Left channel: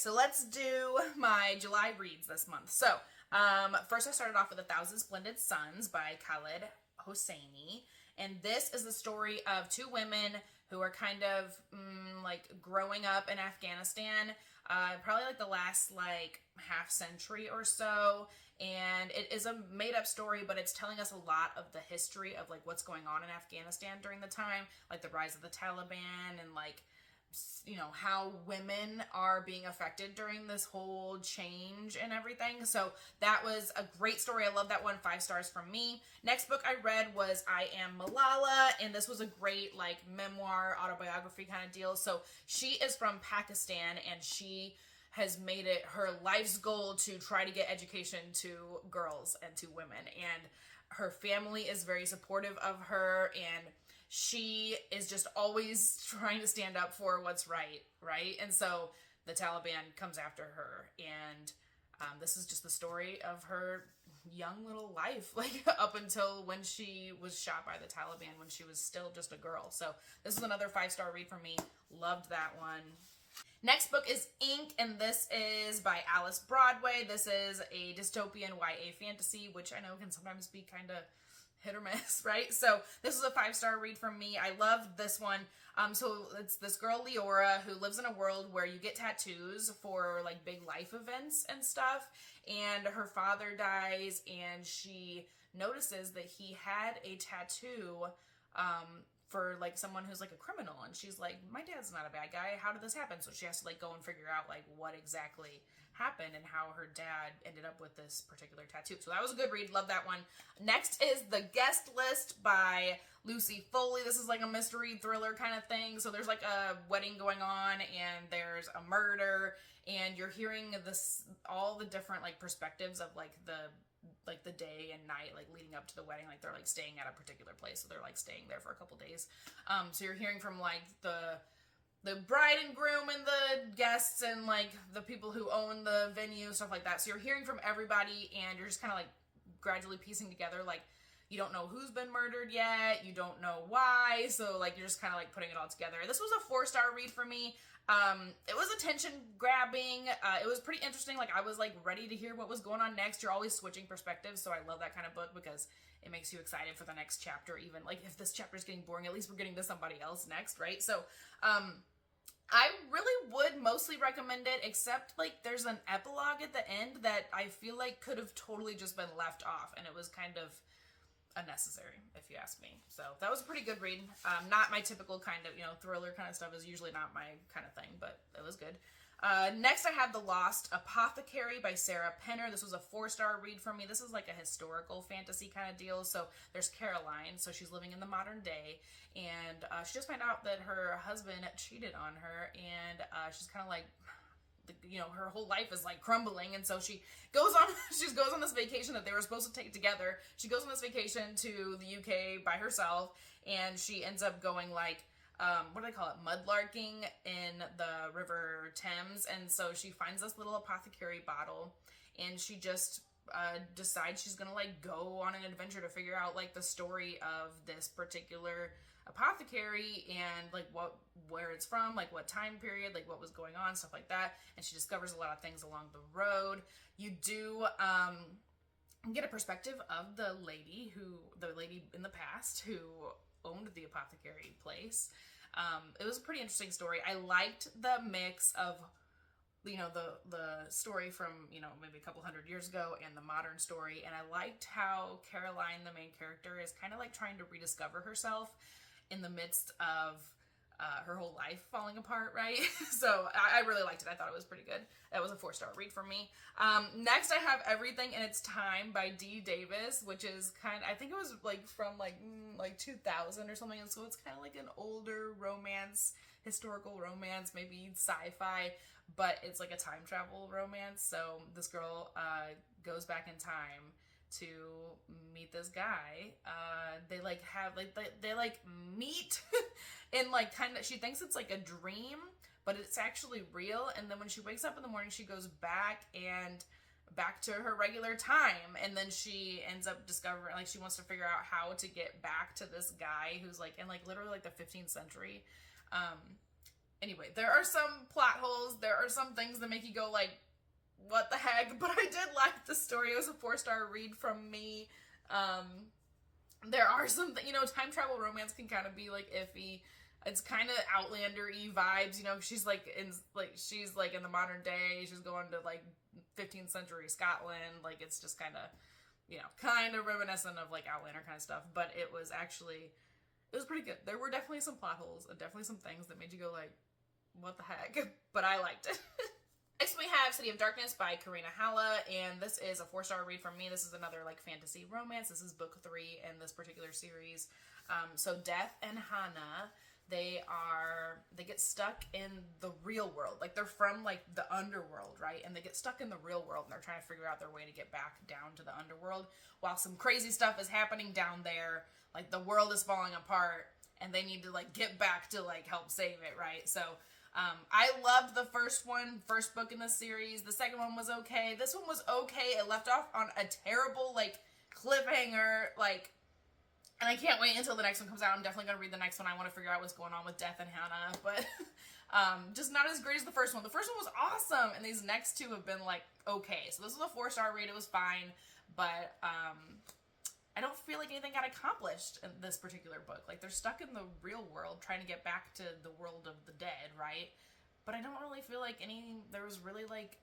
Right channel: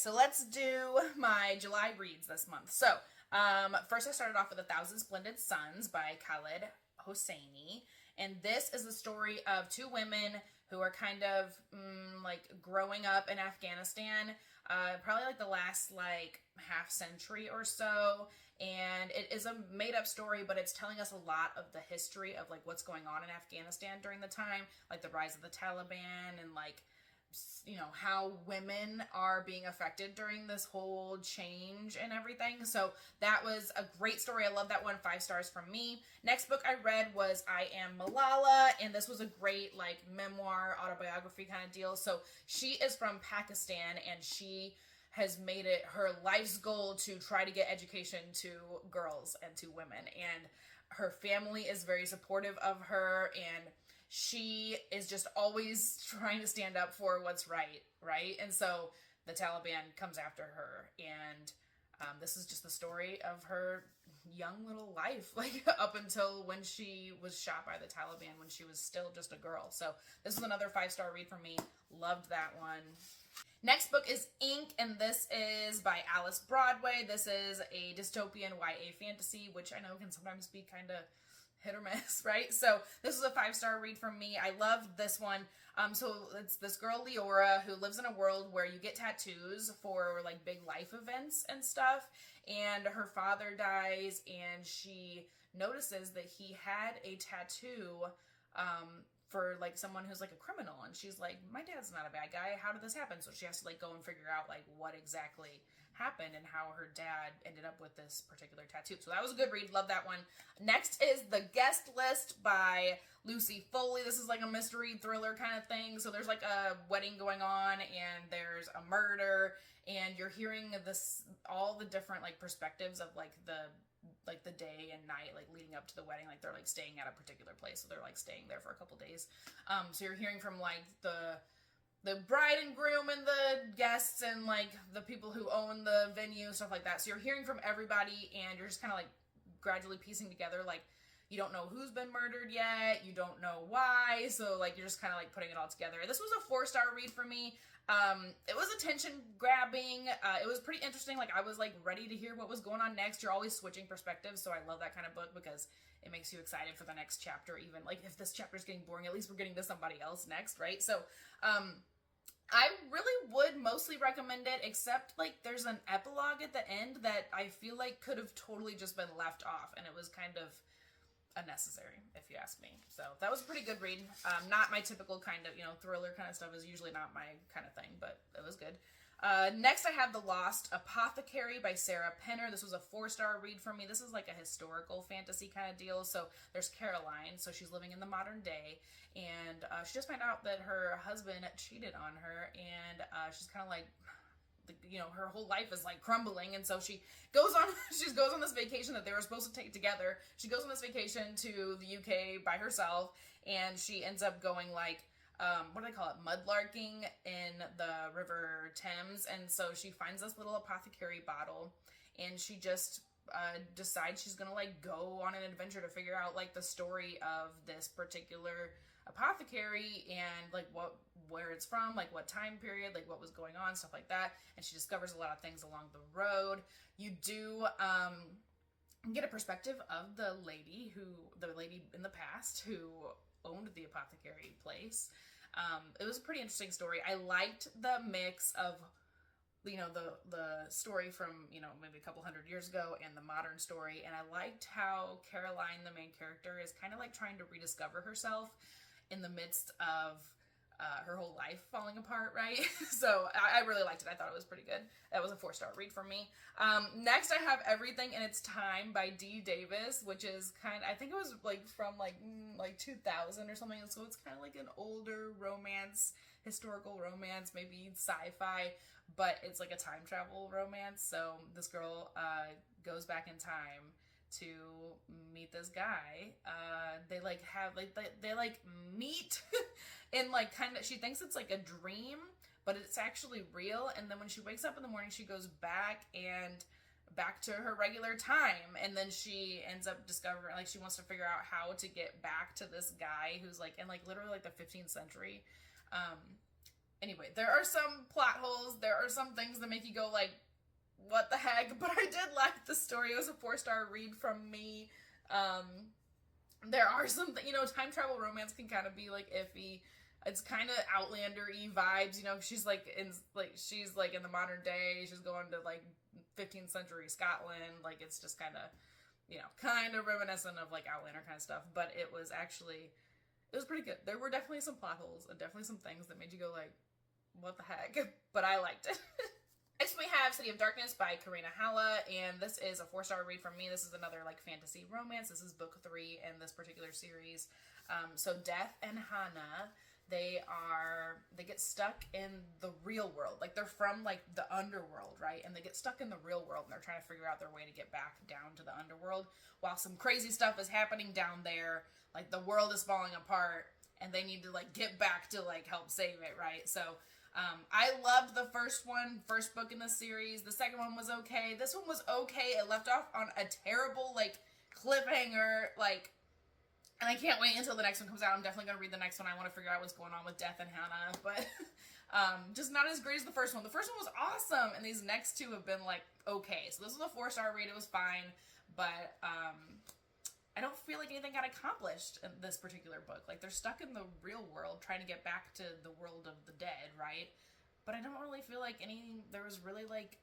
So let's do my July reads this month. So first I started off with 1,000 Splendid Suns by Khaled, Hosseini. And this is the story of two women who are kind of like growing up in Afghanistan, probably like the last like half century or so. And it is a made up story, but it's telling us a lot of the history of like what's going on in Afghanistan during the time, like the rise of the Taliban and like how women are being affected during this whole change and everything. So that was a great story. I love that one. 5 stars from me. Next book I read was I Am Malala, and this was a great like memoir autobiography kind of deal. So she is from Pakistan, and she has made it her life's goal to try to get education to girls and to women, and her family is very supportive of her, and she is just always trying to stand up for what's right? And so the Taliban comes after her, and this is just the story of her young little life, like up until when she was shot by the Taliban when she was still just a girl. So this is another 5-star read for me. Loved that one. Next book is Ink, and this is by Alice Broadway. This is a dystopian YA fantasy, which I know can sometimes be kind of hit or miss, right? So this was a 5-star read from me. I love this one. So it's this girl, Leora, who lives in a world where you get tattoos for like big life events and stuff. And her father dies, and she notices that he had a tattoo for like someone who's like a criminal, and she's like, my dad's not a bad guy, how did this happen? So she has to like go and figure out like what exactly happened and how her dad ended up with this particular tattoo. So that was a good read. Love that one. Next is The Guest List by Lucy Foley. This is like a mystery thriller kind of thing. So there's like a wedding going on, and there's a murder, and you're hearing this all the different like perspectives of like the day and night like leading up to the wedding. Like they're like staying at a particular place, so they're like staying there for a couple days. So you're hearing from like the bride and groom and the guests and like the people who own the venue, stuff like that. So you're hearing from everybody, and you're just kind of like gradually piecing together, like you don't know who's been murdered yet, you don't know why, so like you're just kind of like putting it all together. This was a 4-star read for me. It was attention grabbing. It was pretty interesting. Like I was like ready to hear what was going on next. You're always switching perspectives, so I love that kind of book because it makes you excited for the next chapter. Even like if this chapter is getting boring, at least we're getting to somebody else next, right? So I really would mostly recommend it, except like there's an epilogue at the end that I feel like could have totally just been left off, and it was kind of unnecessary, if you ask me. So that was a pretty good read. Not my typical kind of, thriller kind of stuff is usually not my kind of thing, but it was good. Next I have The Lost Apothecary by Sarah Penner. This was a 4-star read for me. This is like a historical fantasy kind of deal. So there's Caroline. So she's living in the modern day, and she just found out that her husband cheated on her, and she's kind of like, her whole life is like crumbling, and so she goes on this vacation that they were supposed to take together. She goes on this vacation to the UK by herself, and she ends up going like what do they call it, mudlarking in the River Thames. And so she finds this little apothecary bottle, and she just decides she's gonna like go on an adventure to figure out like the story of this particular apothecary, and like where it's from, like what time period, like what was going on, stuff like that. And she discovers a lot of things along the road. You do get a perspective of the lady in the past who owned the apothecary place. It was a pretty interesting story. I liked the mix of the story from maybe a couple hundred years ago and the modern story, and I liked how Caroline, the main character, is kind of like trying to rediscover herself in the midst of her whole life falling apart, right? So I really liked it. I thought it was pretty good. That was a 4-star read for me. Next I have Everything in Its Time by Dee Davis, which is I think it was like from like 2000 or something, and so it's kind of like an older romance, historical romance, maybe sci-fi, but it's like a time travel romance. So this girl goes back in time to meet this guy. They meet in like she thinks it's like a dream, but it's actually real. And then when she wakes up in the morning, she goes back to her regular time, and then she ends up discovering like she wants to figure out how to get back to this guy who's like in like literally like the 15th century. Anyway, there are some plot holes. There are some things that make you go like, what the heck? But I did like the story. It was a 4-star read from me. There are some, time travel romance can kind of be like iffy. It's kind of Outlander-y vibes, she's like in the modern day. She's going to like 15th century Scotland. Like it's just kind of reminiscent of like Outlander kind of stuff. But it was pretty good. There were definitely some plot holes and definitely some things that made you go like, what the heck? But I liked it. Next we have City of Darkness by Karina, Halle, and this is a 4-star read from me. This is another like fantasy romance. This is book 3 in this particular series. So Death and Hannah, they get stuck in the real world. Like they're from like the underworld, right? And they get stuck in the real world and they're trying to figure out their way to get back down to the underworld while some crazy stuff is happening down there. Like the world is falling apart and they need to like get back to like help save it, right? So I loved the first book in the series. The second one was okay. This one was okay. It left off on a terrible like cliffhanger, like, and I can't wait until the next one comes out. I'm definitely going to read the next one. I want to figure out what's going on with Death and Hannah, but just not as great as the first one. The first one was awesome, and these next two have been like okay. So this was a 4-star read. It was fine, but I don't feel like anything got accomplished in this particular book. Like, they're stuck in the real world trying to get back to the world of the dead, right? But I don't really feel like there was really, like,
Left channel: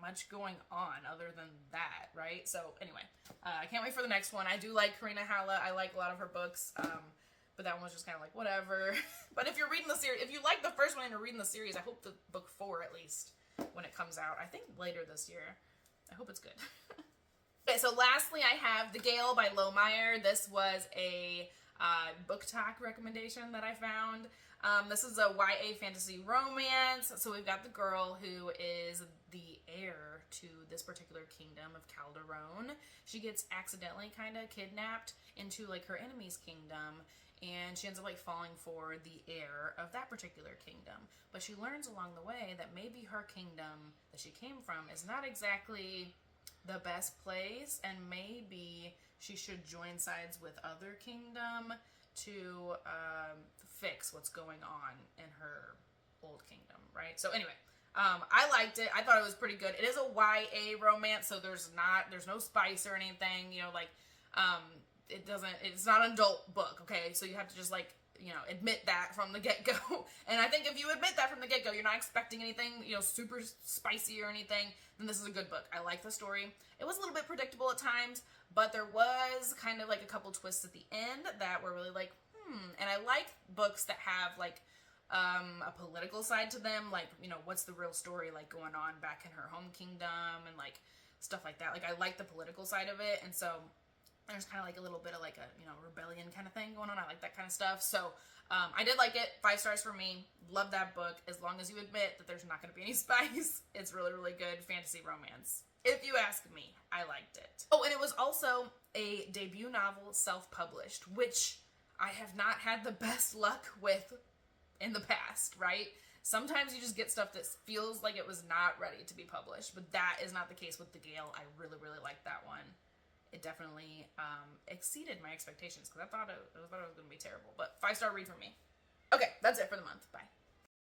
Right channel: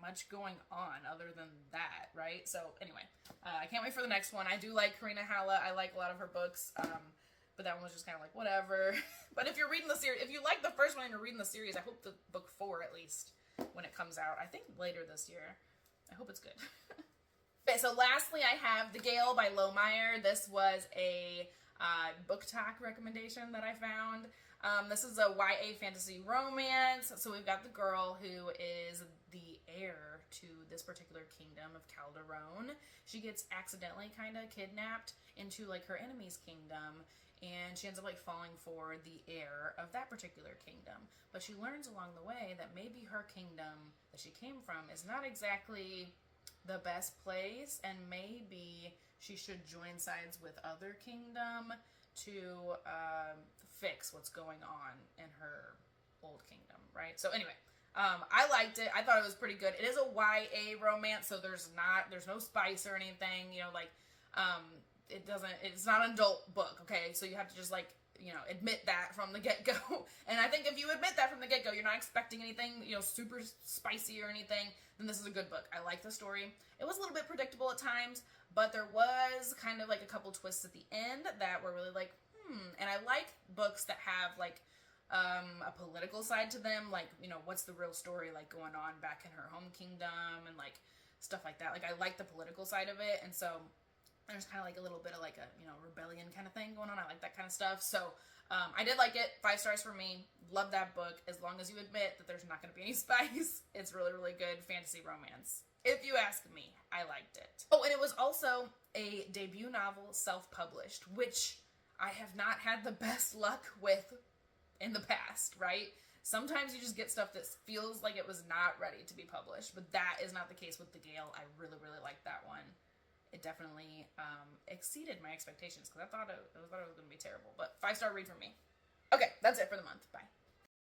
much going on other than that, right? So, anyway, I can't wait for the next one. I do like Karina Halle. I like a lot of her books, but that one was just kind of like, whatever. But if you're reading the series, if you like the first one and you're reading the series, I hope the book 4, at least, when it comes out, I think later this year. I hope it's good. Okay, so lastly, I have The Gaill by Meyer. This was a book talk recommendation that I found. This is a YA fantasy romance. So we've got the girl who is the heir to this particular kingdom of Calderon. She gets accidentally kind of kidnapped into like her enemy's kingdom, and she ends up like falling for the heir of that particular kingdom. But she learns along the way that maybe her kingdom that she came from is not exactly the best place, and maybe she should join sides with other kingdom to fix what's going on in her old kingdom, right? So anyway, I liked it. I thought it was pretty good. It is a YA romance, so there's no spice or anything, it's not an adult book, okay? So you have to just like, admit that from the get-go. And I think if you admit that from the get-go, you're not expecting anything, super spicy or anything, then this is a good book. I like the story. It was a little bit predictable at times, but there was kind of like a couple twists at the end that were really like, And I like books that have like a political side to them, like, what's the real story like going on back in her home kingdom and like stuff like that. Like, I like the political side of it, and so there's kind of like a little bit of like a, rebellion kind of thing going on. I like that kind of stuff. So I did like it. 5 stars for me. Love that book. As long as you admit that there's not going to be any spice. It's really, really good fantasy romance. If you ask me, I liked it. Oh, and it was also a debut novel, self-published, which I have not had the best luck with in the past, right? Sometimes you just get stuff that feels like it was not ready to be published, but that is not the case with The Gaill. I really, really liked that one. It definitely exceeded my expectations because I thought it was going to be terrible. But 5-star read from me. Okay, that's it for the month. Bye.